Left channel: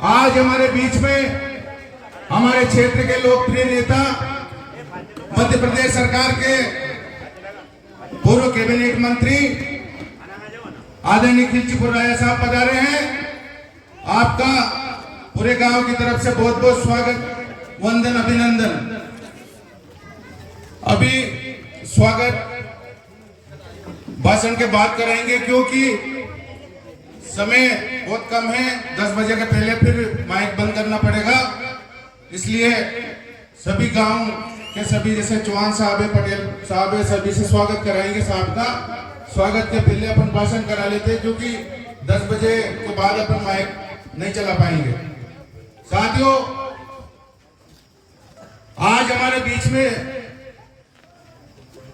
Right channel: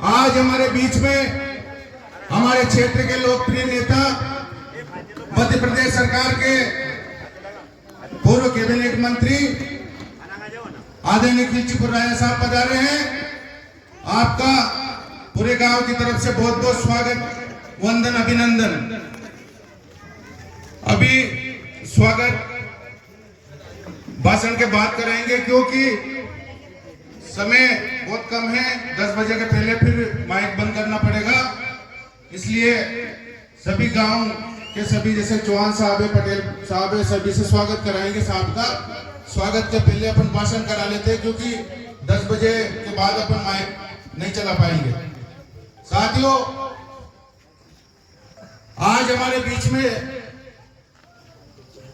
आज हमारे बीच में हमारे क्षेत्र के लोकप्रिय नेता, मध्य प्रदेश सरकार के पूर्व कैबिनेट मंत्री आदरणीय खिलचीपुर राजा साहब पधारे हैं। आपका पूरे गांव की तरफ से बहुत बहुत स्वागत, वंदन, अभिनंदन। अभी स्वागत भाषण के बाद कराएंगे क्योंकि समय बहुत कम है। 10 बजे के पहले फिर माइक बंद करना पड़ेगा, इसलिए सभी गांव के सभी जैसे चौहान साहब है, पटेल साहब है, सभी से स्वागत कराएंगे। साहब का स्वागत के पहले अपन भाषण करा लेते हैं क्योंकि 10 बजे के बाद अपन माइक नहीं चला पाएंगे। साथियों, आज हमारे बीच में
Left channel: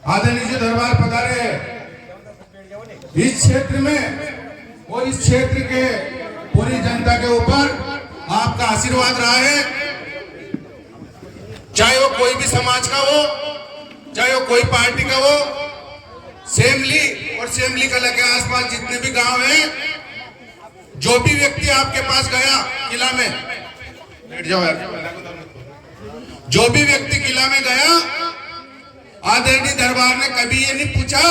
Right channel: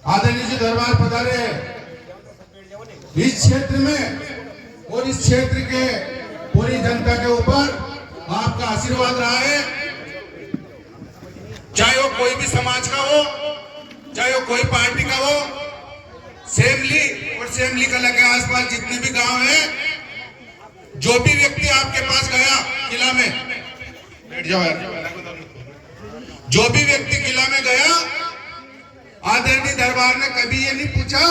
आदरणीय जी दरबार पधारे हैं। इस क्षेत्र में और इस क्षेत्र के पूरी जनता के ऊपर आपका आशीर्वाद रहा है, चाहे वो कोई भी समाज का हो, चाहे वो कोई पार्टी का हो। सेमली और सेमली का लगे आसपास जितने भी गांव हैं, जो भी व्यक्ति आपके पास गया किला में, बैठ जाओ, जो भी व्यक्ति किला में गया, आदरणीय दरबार ने कभी ये नहीं पूछा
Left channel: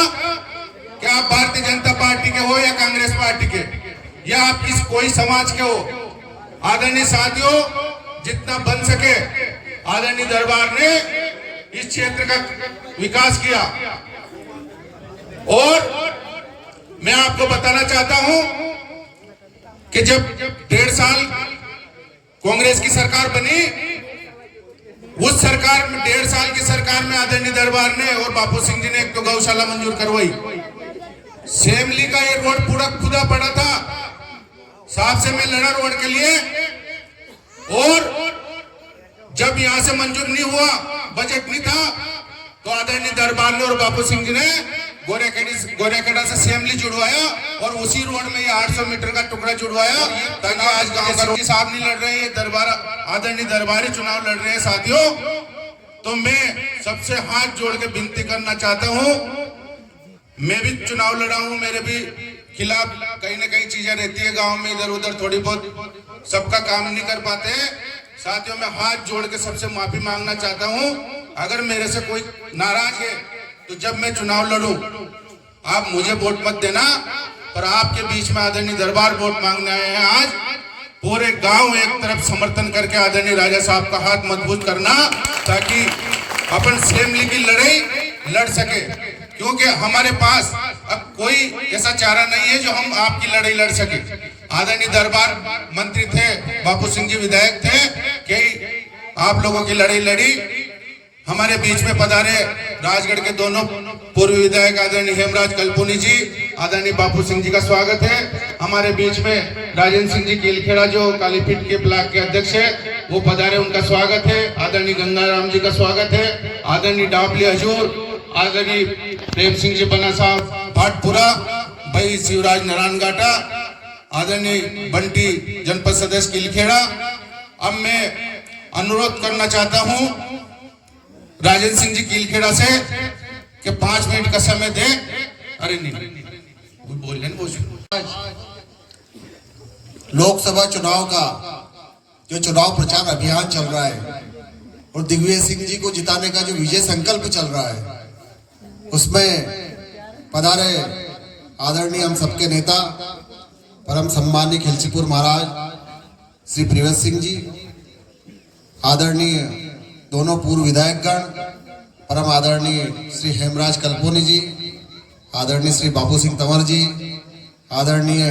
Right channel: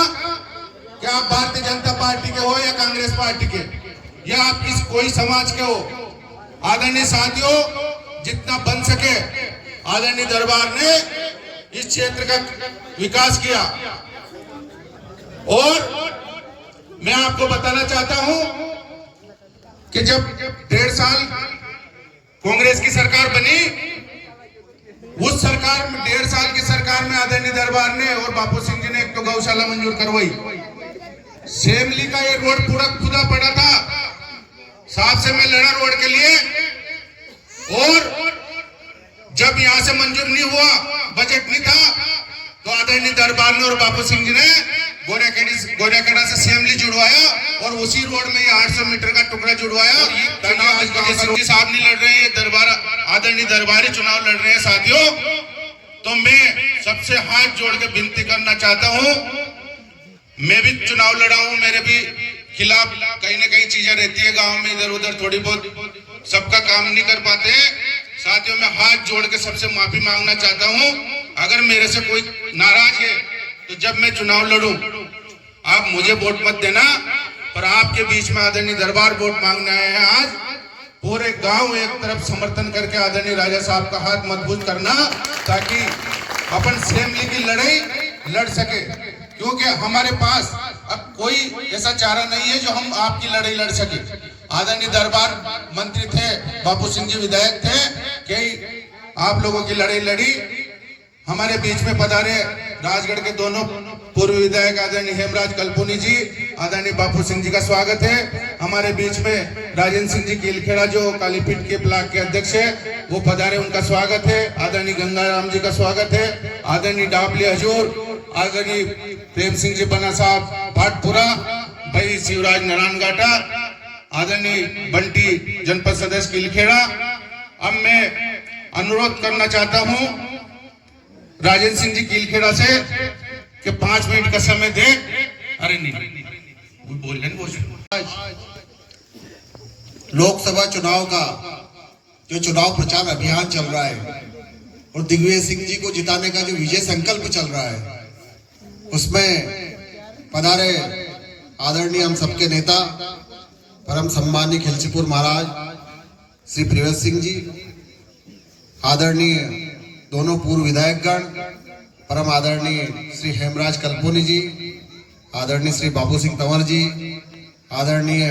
कि आप भारतीय जनता पार्टी के हो या कांग्रेस पार्टी के, या आप किस कोई समाज के हो। आदरणीय साथियों, जितना बन सके आदरणीय दरबार ने इस क्षेत्र का विकास किया। और मैं आपको बताना चाहता हूं कि जब 1.5 साल कांग्रेस की सरकार बनी, उस सरकार में 1.5 साल की सरकार में आदरणीय दरबार ने और बापू सिंह जी ने एक तो गौशाला मंजूर करवाई। सेमली का एक रोड पूरा खुदा पड़ा था, साहब से मैं लड़ा रोड के लिए, और जब यहां से मंजूर नहीं हुआ, बजट नहीं था, तो आदरणीय दरबार ने और बापू सिंह जी ने गोरेखेड़ा से सेमली जुड़वाया और उसी रोड में ये 800 मीटर का टुकड़ा जुड़वाया, ताकि आज बापू सिंह साहब नहीं लड़ रहे हैं, दरबार आदरणीय दरबारी चुनाव लड़ रहे हैं। साथियों, तो मैं सबसे हाथ जोड़ के विनती करना चाहता हूं, मैं भी चुनाव लड़ा हूं, मेरे भी खिलाफ कहीं ना कहीं चीजें रहती है गांव में, इधर उधर थोड़ी बहुत, सबका काम नहीं कर पाते हैं। साथियों, मैं हाथ जोड़ के सबसे माफी मांगना चाहता हूं। अगर मेरे से कोई नाराज है तो जब मैं चुनाव लड़ूं आप मुझे वोट मत देना, पर आपके बीच में आदरणीय दरबार वोट मांगने आए हैं। आज पूरे गांव एक तरफ समर्थन करके आदरणीय राजा साहब का हाथ मजबूत करना, ताकि अपन सेमली की लड़ाई लड़ सके, क्योंकि हमारे पास अब कोई ऐसा चारा नहीं है जो हम आपकी लड़ाई लड़ सके। आदरणीय दरबार मंत्री थे, बापू सिंह जी विधायक थे, कि आप लोगों की लड़ाई लड़ी। हमारे बीच में पधारे राजगढ़ के दोनों पूर्व विधायक आदरणीय हेमराज कल्पुनी जी, आदरणीय बापू सिंह जी का स्वागत है। हमारे बीच में राजेंद्र सिंह जी कीलखेड़ा जो कालीपीठ के ब्लॉक के अध्यक्ष है, वो पधारे, उनका स्वागत है। आदरणीय गंगाराम जी का स्वागत है। आदरणीय डाबली हजूर, आदरणीय प्रेम सिंह जी बना साहब भाटपुरा, भाई शिवराज नारायण घाटा, आदरणीय बंटी जनपद सदस्य कीलखेड़ा। अब मैं अनुरोध करना चाहता हूं राजेंद्र सिंह जी कीलखेड़ा से कि 5 मिनट का समय दे। अरे नहीं बोल लोकसभा चुनाव का जो चुनाव प्रचार अभियान चल रहा है और दिग्विजय सिंह जी को जिताने का जो विजय संकल्प चल रहा है, उसमें पधारे आदरणीय हम सबके नेता परम सम्मानीय खिलचीपुर महाराज श्री प्रियंश सिंह जी, आदरणीय दोनों पूर्व विधायकगण, परम आदरणीय श्री हेमराज कल्पुनी जी, आदरणीय श्री बापू सिंह तंवर जी, आदरणीय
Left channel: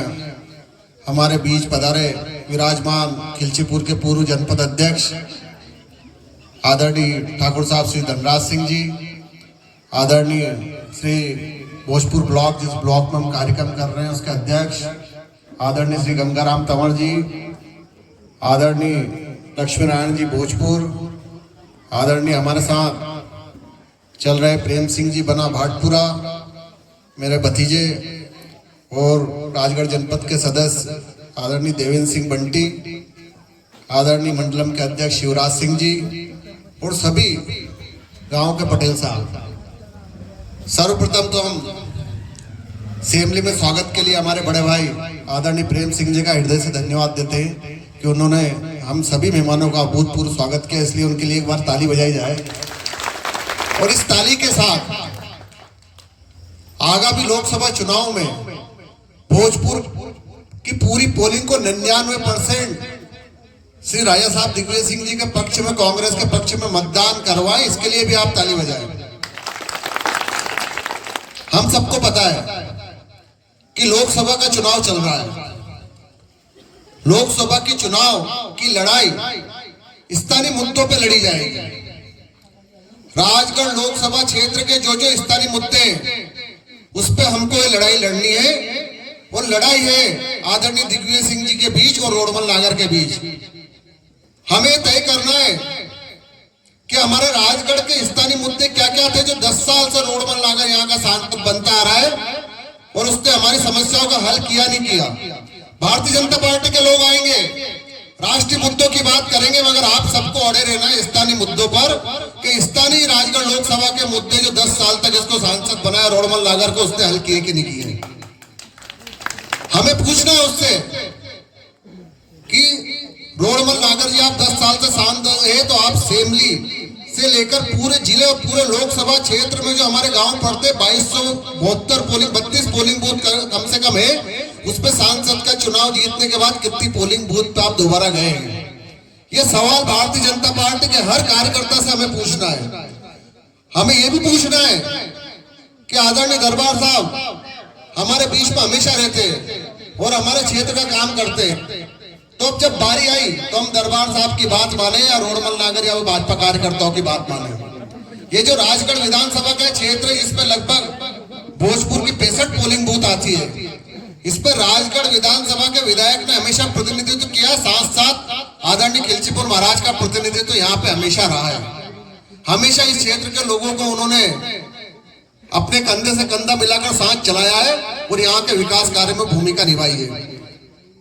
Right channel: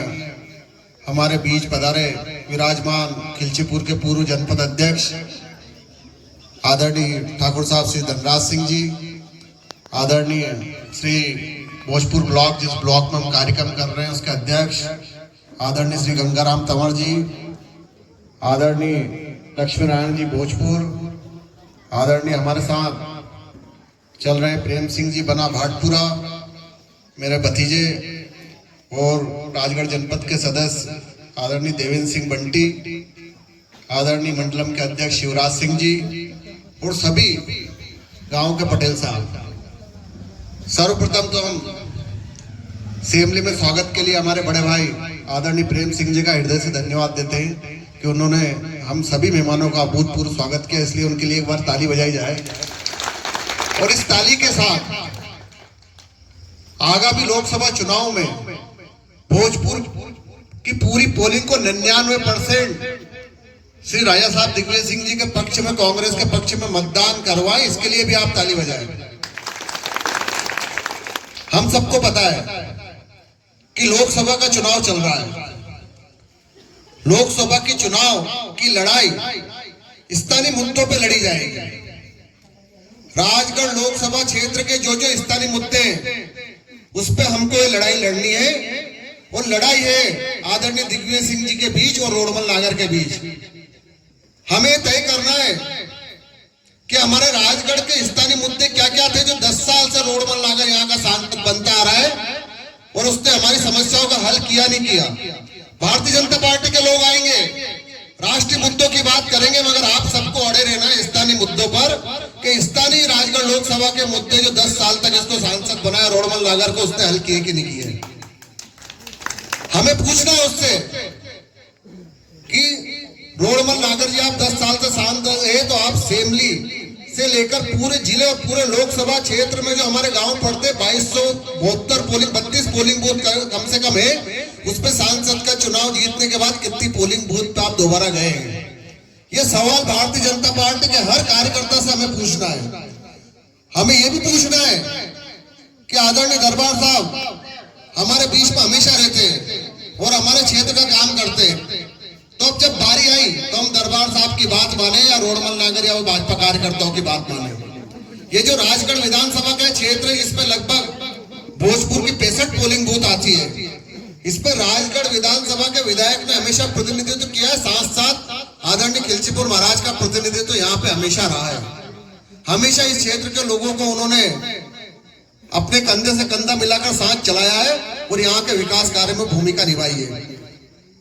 हमारे बीच पधारे विराजमान खिलचीपुर के पूर्व जनपद अध्यक्ष आदरणीय ठाकुर साहब श्री धनराज सिंह जी, आदरणीय श्री भोजपुर ब्लॉक, जिस ब्लॉक में हम कार्यक्रम कर रहे हैं उसके अध्यक्ष आदरणीय श्री गंगाराम तंवर जी, आदरणीय लक्ष्मी नारायण जी भोजपुर, आदरणीय हमारे साथ चल रहे प्रेम सिंह जी बना भाटपुरा, मेरे भतीजे, और राजगढ़ जनपद के सदस्य आदरणीय देवेंद्र सिंह बंटी, आदरणीय मंडलम के अध्यक्ष शिवराज सिंह जी, और सभी गांव के पटेल साहब। सर्वप्रथम तो हम सेमली में स्वागत के लिए हमारे बड़े भाई आदरणीय प्रेम सिंह जी का हृदय से धन्यवाद देते हैं कि उन्होंने हम सभी मेहमानों का अभूतपूर्व स्वागत किया, इसलिए उनके लिए एक बार ताली बजाई जाए। और इस ताली के साथ आगामी लोकसभा चुनाव में भोजपुर की पूरी पोलिंग को 99% श्री राजा साहब दिग्विजय सिंह जी के पक्ष में, कांग्रेस के पक्ष में मतदान करवाएं, इसके लिए भी आप ताली बजाएं। हम सबको पता है कि लोकसभा का चुनाव चल रहा है। लोकसभा की चुनाव की लड़ाई स्थानीय मुद्दों पे लड़ी जाएगी। राजगढ़ लोकसभा क्षेत्र के जो जो स्थानीय मुद्दे उस पे हमको ये लड़ाई लड़नी है। और लड़ाई है आदरणीय दिग्विजय सिंह जी के बीच और रोडमल नागर के बीच। हमें तय करना है कि हमारे राजगढ़ के स्थानीय मुद्दे क्या क्या थे जो 10 साल से रोडमल नागर यहाँ का सांसद बनता आ रहा है और उसने हमारी समस्याओं का हल किया नहीं किया। भारतीय जनता पार्टी के लोग आएंगे, राष्ट्रीय मुद्दों की बात करेंगे, मगर आप सबको अड़े रहना है स्थानीय मुद्दों पर कि स्थानीय राजगढ़ लोकसभा के मुद्दे जो 10 साल तक इसको सांसद बनाया रोडमल नागर को, उसने हल किए कि नहीं किए। हमें पूछना है उससे कि रोडमल नागर जी आप 10 साल से सांसद है, तो आप सेमली से लेकर पूरे जिले और पूरे लोकसभा क्षेत्र में जो हमारे गांव पड़ते 2272 पोलिंग 32 पोलिंग बूथ कम से कम है, उसमें सांसद का चुनाव जीतने के बाद कितनी पोलिंग बूथ पे आप दोबारा गए हैं। ये सवाल भारतीय जनता पार्टी के हर कार्यकर्ता से हमें पूछना है। हमें ये भी पूछना है कि आदरणीय दरबार साहब हमारे बीच में हमेशा रहते हैं और हमारे क्षेत्र का काम करते हैं, तो जब बारी आई तो हम दरबार साहब की बात माने या रोडमल नागर या वो भाजपा कार्यकर्ताओं की बात माने। ये जो राजगढ़ विधानसभा का क्षेत्र है, इसमें लगभग भोजपुर की 65 पोलिंग बूथ आती है। इस पर राजगढ़ विधानसभा के विधायक ने हमेशा प्रतिनिधित्व किया, साथ साथ आदरणीय खिलचीपुर महाराज का प्रतिनिधित्व यहाँ पे हमेशा रहा है। हमेशा इस क्षेत्र के लोगों को उन्होंने अपने कंधे से कंधा मिलाकर साथ चलाया है और यहाँ के विकास कार्य में भूमिका निभाई है।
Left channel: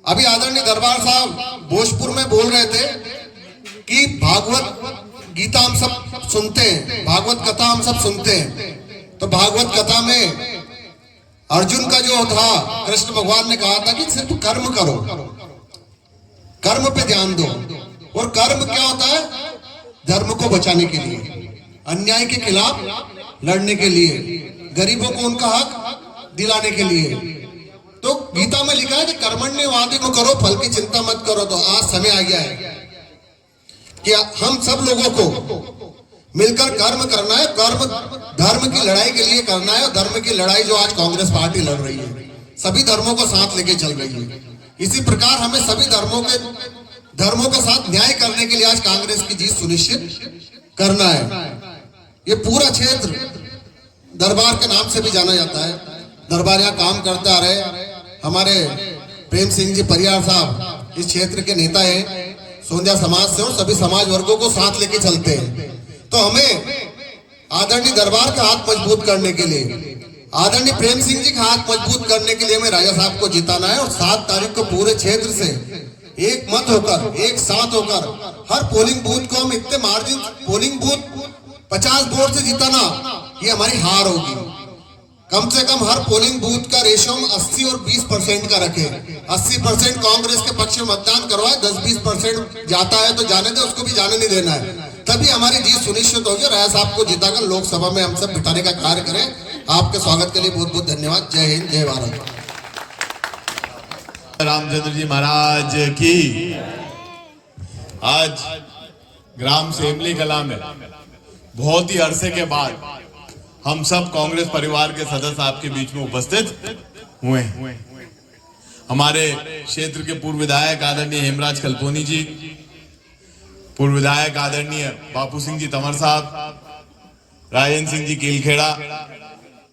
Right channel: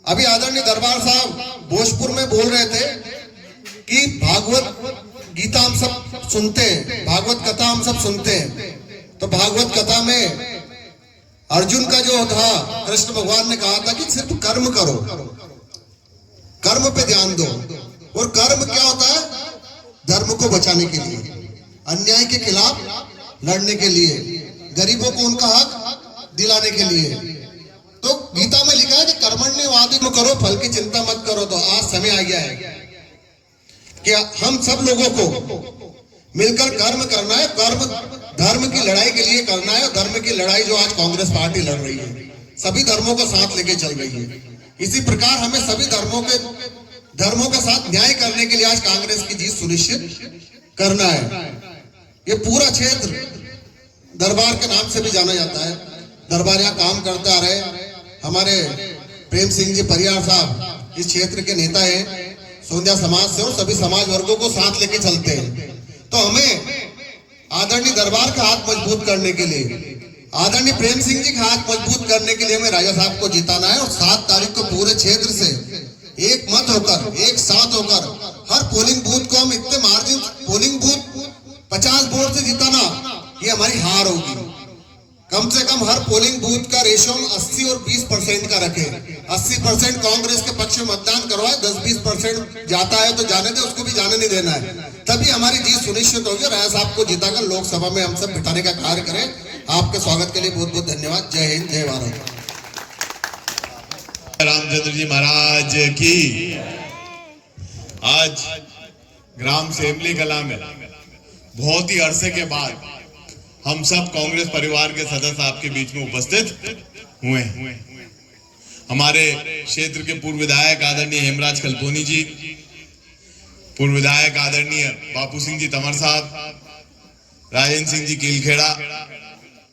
अभी आदरणीय दरबार साहब भोजपुर में बोल रहे थे कि भागवत गीता हम सब सुनते हैं, भागवत कथा हम सब सुनते हैं, तो भागवत कथा में अर्जुन का जो था, कृष्ण भगवान ने कहा था कि सिर्फ कर्म करो, कर्म पे ध्यान दो। और कर्म क्या होता है? धर्म को बचाने के लिए, अन्याय के खिलाफ लड़ने के लिए, गरीबों को उनका हक दिलाने के लिए। तो गीता में लिखा है कि कर्मण्यवादित्व करो, फल की चिंता मत करो। तो आज समय आ गया है कि हम सब लोगों को मिलकर कर्म करना है, कर्म धर्म की लड़ाई के लिए करना है। और धर्म की लड़ाई जो आज कांग्रेस पार्टी लड़ रही है, सभी धर्मों को साथ लेके चल रही है। इसी प्रकार हमें सभी धर्मों के साथ न्याय करने के लिए आज कांग्रेस की जीत सुनिश्चित करना है। ये पूरा क्षेत्र दरबार के नाम से भी जाना जाता है। दरबार यहाँ काम करता रहे। हमारे प्रेम सिंह जी परियार साहब इस क्षेत्र के नेता हैं, सोंधिया समाज से, और सभी समाज वर्गों को साथ लेके चलते हैं। तो हमें आदरणीय दरबार का हाथ मजबूत करने के लिए, आदरणीय प्रेम सिंह जी का हाथ मजबूत करने के लिए हमें राजा साहब को जिताना है। और 7 तारीख को पूरे क्षेत्र से एक मत होकर, एक साथ होकर हर पोलिंग बूथ को हम इतने मार्जिन, पोलिंग बूथ 50 वोट से जिताना, ये हमारी हार होगी। कम से कम हर पोलिंग बूथ का रेशियो 80 और 20% का रखें। 80% कांग्रेस के पक्ष में मतदान करवाए, 10-20% जाता है तो जाने दे, उसको भी जाने नहीं देना है। तभी हमारी जीत सुनिश्चित होगी। राय साहब को जिताकर लोकसभा में हम सब बिठाने का कार्य करें। आपके स्वागत के लिए बहुत बहुत धन्यवाद। जय हिंद, जय भारत। रामचंद्र जी महाराज की। आज ग्राम सेमली कला में बहुत ही अरसे के बाद हम सब कांग्रेस परिवार के सदस्य आपके बीच में उपस्थित हुए हैं। हमारे क्षेत्र के पूर्व विधायक आदरणीय हेमराज कल्पोनी जी, पूर्व विधायक आदरणीय बापू सिंह जी तंवर साहब, राजेंद्र सिंह जी कीलखेड़ा,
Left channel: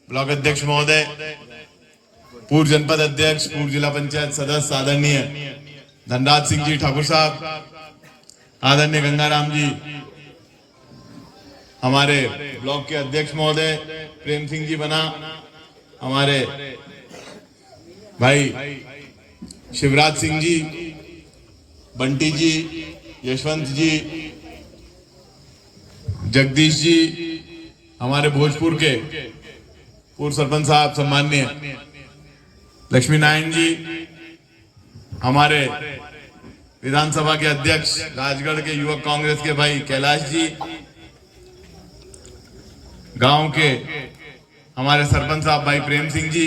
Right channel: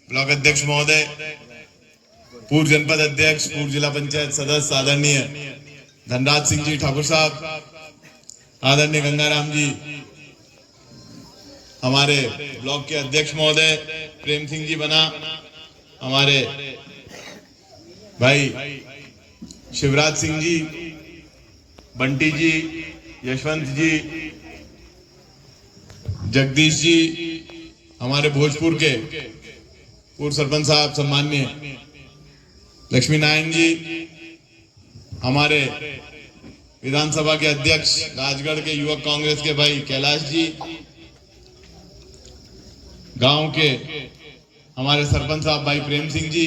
ब्लॉक अध्यक्ष महोदय, पूर्व जनपद अध्यक्ष, पूर्व जिला पंचायत सदस्य आदरणीय धनराज सिंह जी ठाकुर साहब, आदरणीय गंगाराम जी, हमारे ब्लॉक के अध्यक्ष महोदय प्रेम सिंह जी बना, हमारे भाई शिवराज सिंह जी, बंटी जी, यशवंत जी, जगदीश जी, हमारे भोजपुर के पूर्व सरपंच साहब सम्माननीय लक्ष्मी नारायण जी, हमारे विधानसभा के अध्यक्ष राजगढ़ के युवक कांग्रेस के भाई कैलाश जी, गांव के हमारे सरपंच साहब भाई प्रेम सिंह जी,